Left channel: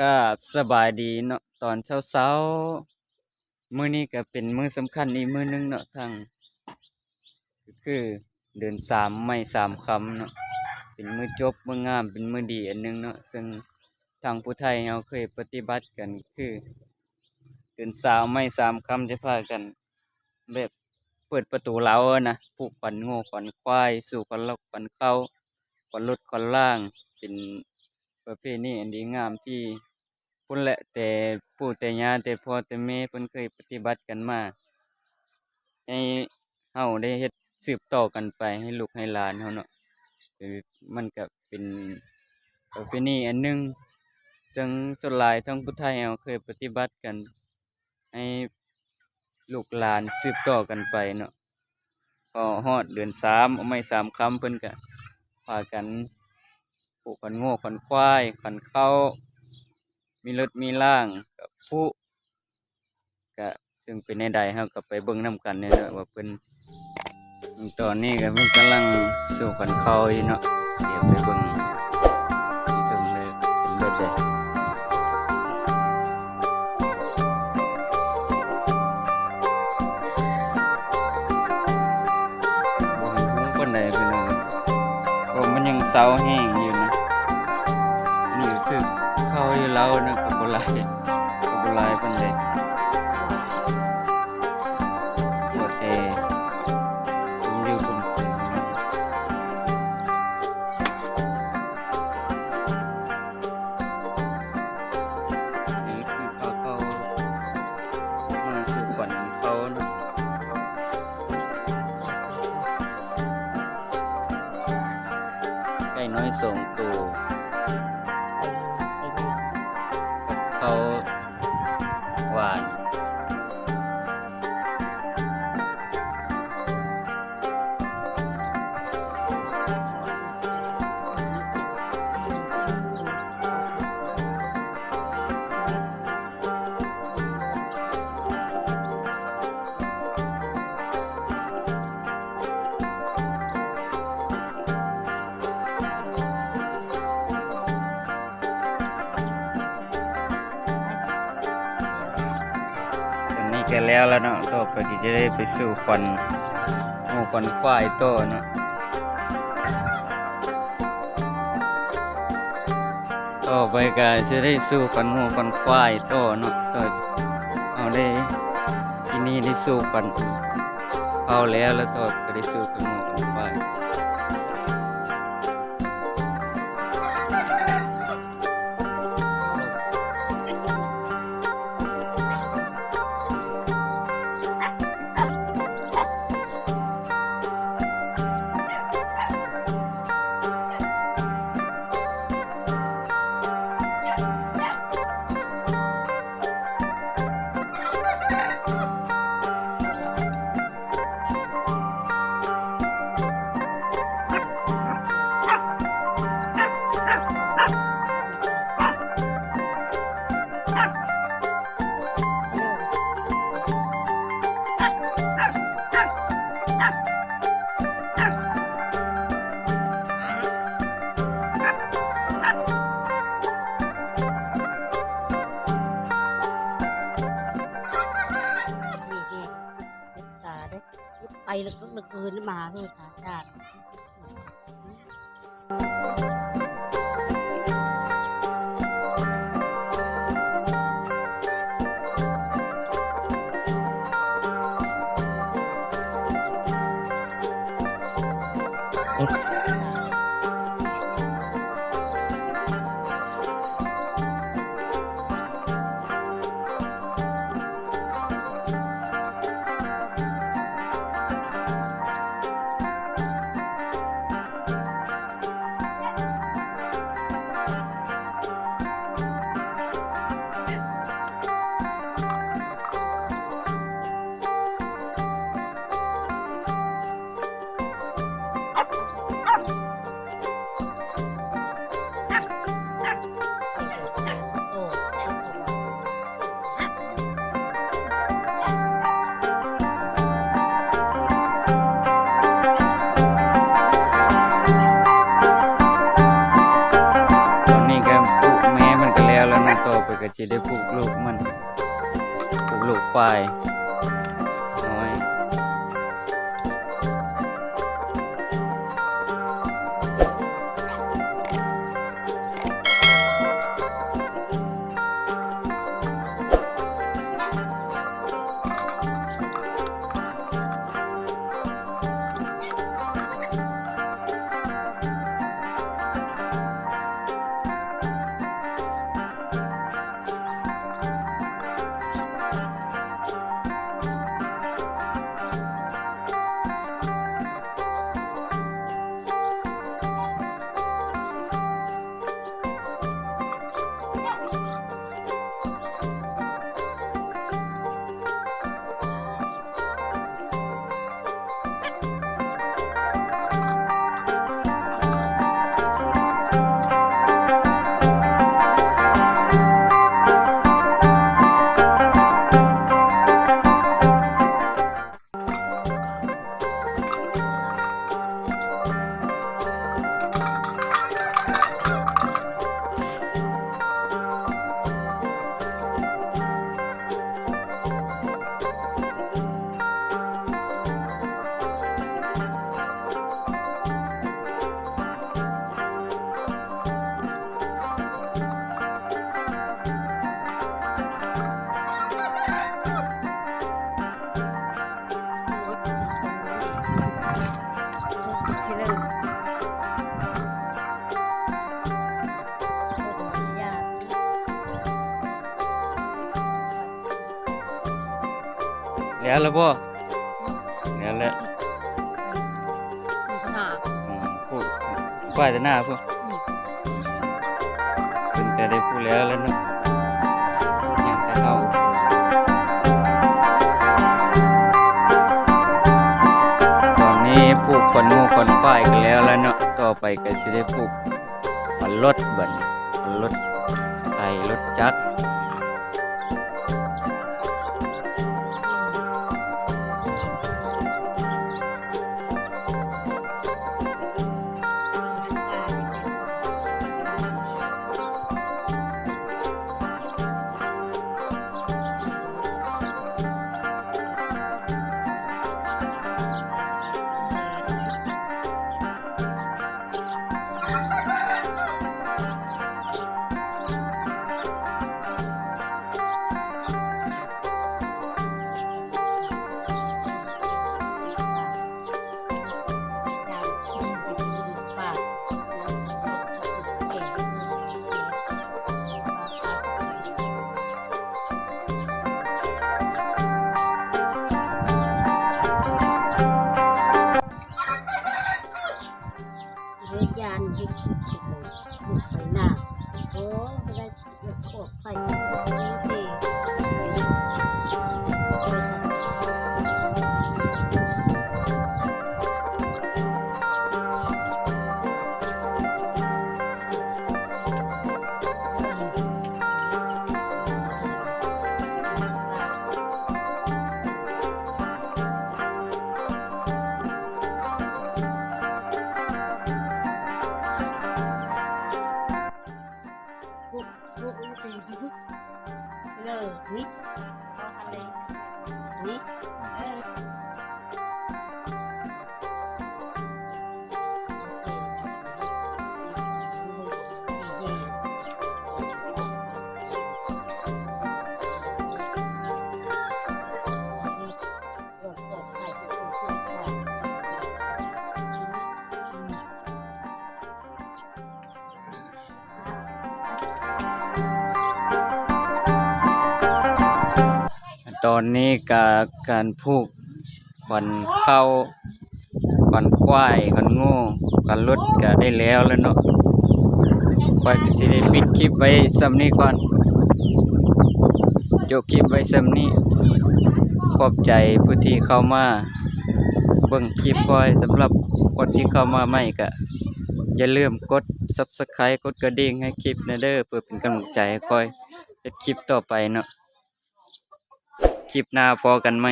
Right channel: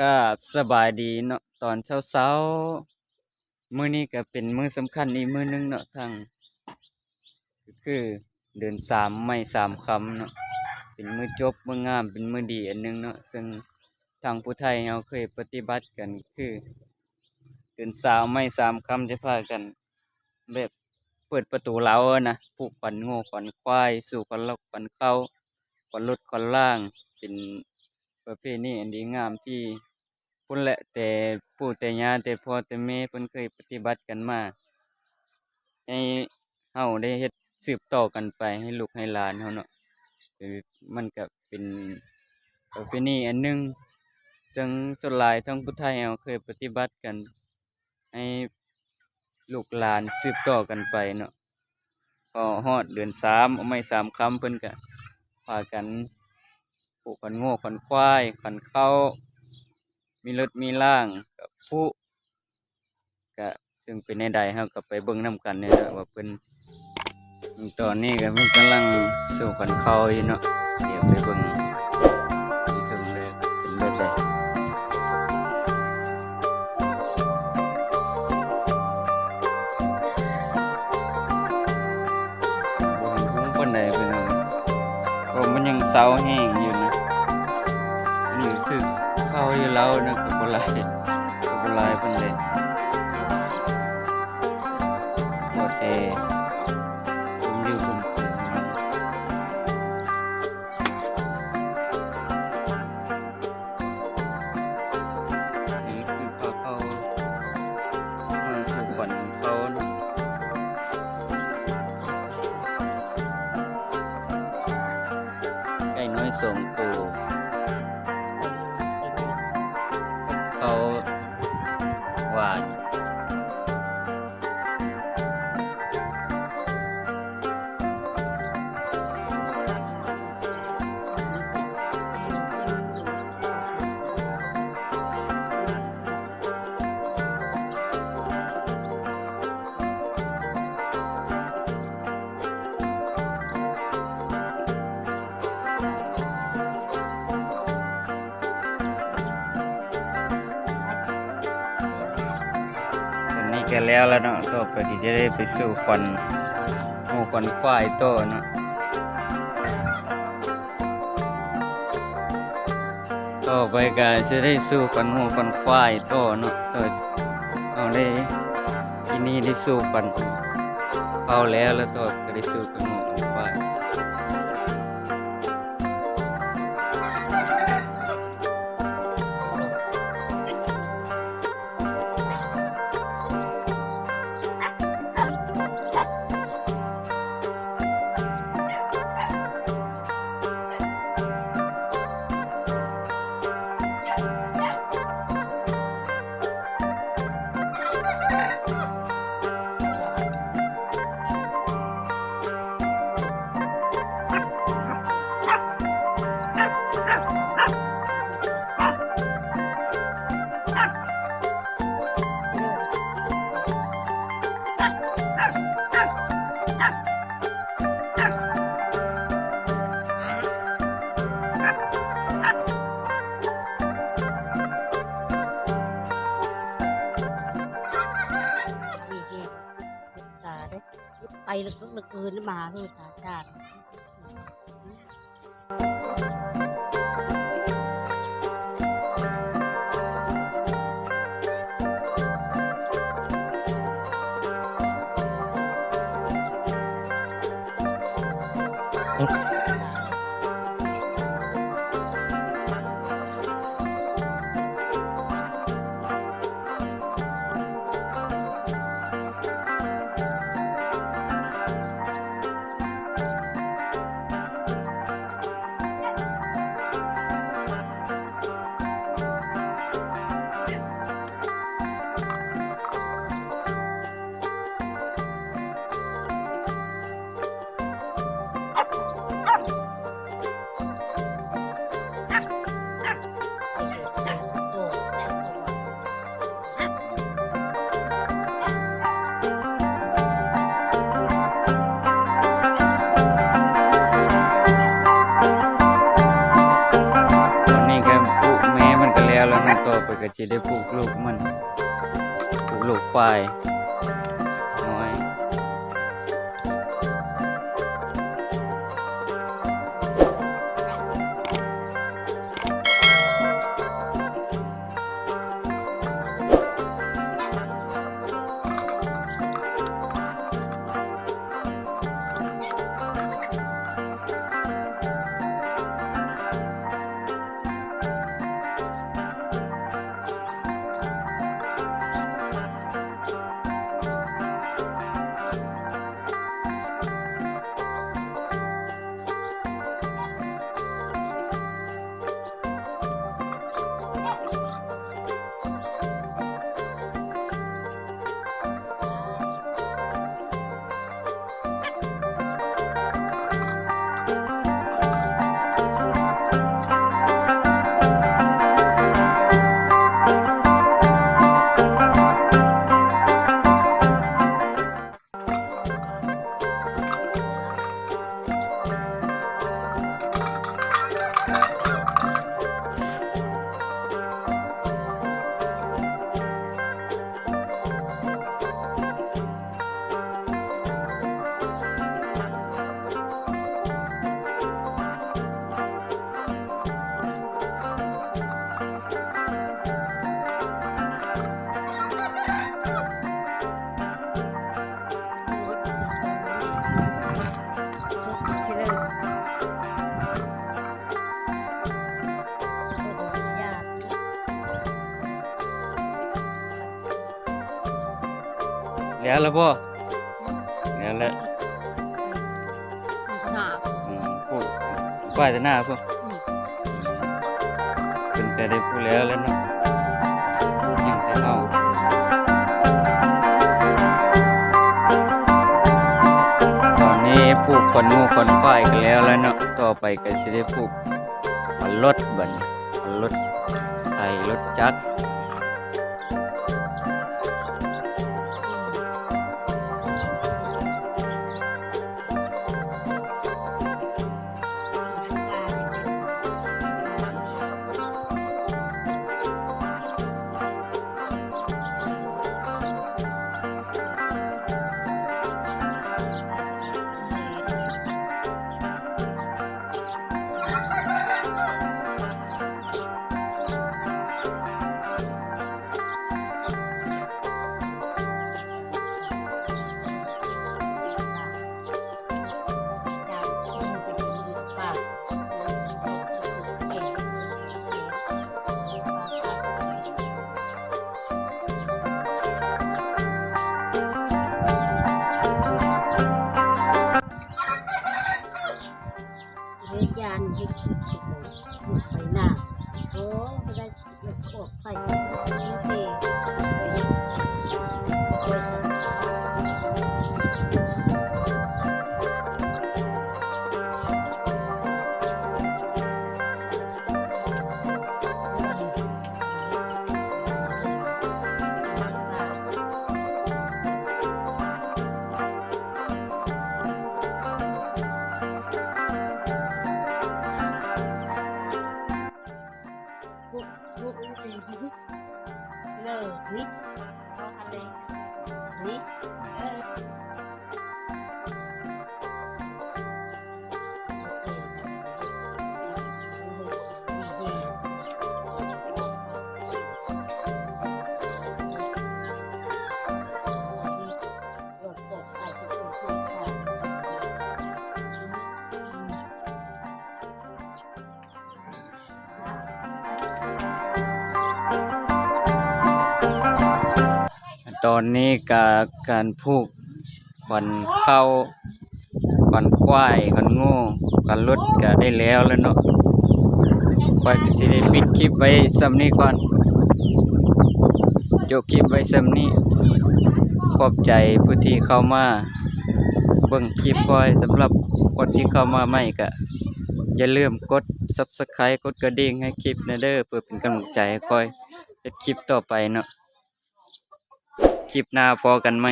ก็สบายดีเนาะตอนเช้าๆมื้อนี้ก็เป็นมื้อสำคัญอีกมื้อหนึงเนาะทางคือเดือนสามไม่สามคำเนาะเป็นมือจบมืองามเป็นมือดีอันหนึงเนาะซึ่งทางผู้ไทยเราเคยปฏิบัติกันคือ เดือนสามไม่สามคำจะพากัน แบบเปิดประตูเล้านะผูกขวัญโง่ขวัญควาย สู่ขวัญลกขวัญเข้าขวัญลดขวัญล่าง เป็นประเพณีอันดีงามที่ พุ่นแหละแต่ปู่แต่ย่าแต่พ่อแต่แม่เพิ่นเคยปฏิบัติกันมา ให้เฮาได้เฮ็ดสืบต่อกันไปให้ลูกให้หลานเฮาเนาะมันก็เป็นประเพณีอันหนึงซึ่งส่วนหลายทั้งผู้ไทยเราเคยปฏิบัติกัน ให้ลูกหลานสืบต่อกันไปเนาะพอฮอดเดือนสามเอาไม่สามคำเพิ่นก็พากันปลูกกันโง่กันควายกันเข้า มีรถมีล่างกับผู้ก็ซึ่งเป็นในใดเฮาก็ไปเบิ่งนํกันเนี่ยนะว่าเพิ่นตอนนี้ก็เพิ่นกำลังสู่กันเขาอยู่เนาะเดี๋ยวไปเบิ่งที่ถึงเลยเป็นแบบใดบ่เห็นหุ้งปนใดพี่น้องเพราะมันยังเซาแห้งอยู่ เข้าอยู่แล้วนะก็บ่หลายก็บ่หลายปานใดบ่แต่ผมอยู่ผมกินพี่น้องนี่คือพาเขามาสู่ขวัญเขานะไก่น้อยสองตัว ตอนนี้ก็แล้วแล้วเนาะต่อไปก็จะได้ไปสู่ควันหมูควันควายโตเนาะต่อไปก็จะได้สู่ควันหมูควันควายโตเนาะต่อเอาได้ที่นี่ได้สู่ควันเข้าแล้วแล้วต่อก็ได้สู่ควันหมูควันควาย ลึกเลึกคืนมาเลยสามชาติอ แล้วแล้วเนาะต่อไปก็สิได้ปลูกลูกมันปลูกลูกควาย แล้วแล้วบ่แล้วแหละไปขนาดอืมปลูกควายแต่หน้าพวกอืมเพิ่นก็ได้พูดแล้วแล้วเนาะยังแต่เฮาตอนนี้ปลูกขนงูขนควายกันแล้วแล้วเนาะต่อไปก็สิได้ปลูกขนรถบัดนี้ขนรถไถรถจักร ยานที่สุดเลยลูกไปหน้าโอ้ไม่ได้เลือกออกไปนี่เคย ตอนนี้ก็การผูกขวัญเข้าขวัญควายขวัญงูขวัญรถก็ได้แล้วแล้วเนาะควายก็สิได้ปิดคลิปไว้ซ้ำนี้ก่อนจบคลิปไว้ซ้ำนี้ขอบใจผู้ที่เข้ามาเบิ่งคลิปคอยสำหรับคนที่เข้ามาใหม่ก็อย่าลืมกด Subscribe กดกระดิ่งให้คลิปนะเด้อเพื่อเป็นกำลังใจให้คอยเฮ็ดคลิปต่อไปเนาะ คลิปหน้าพอกันไหม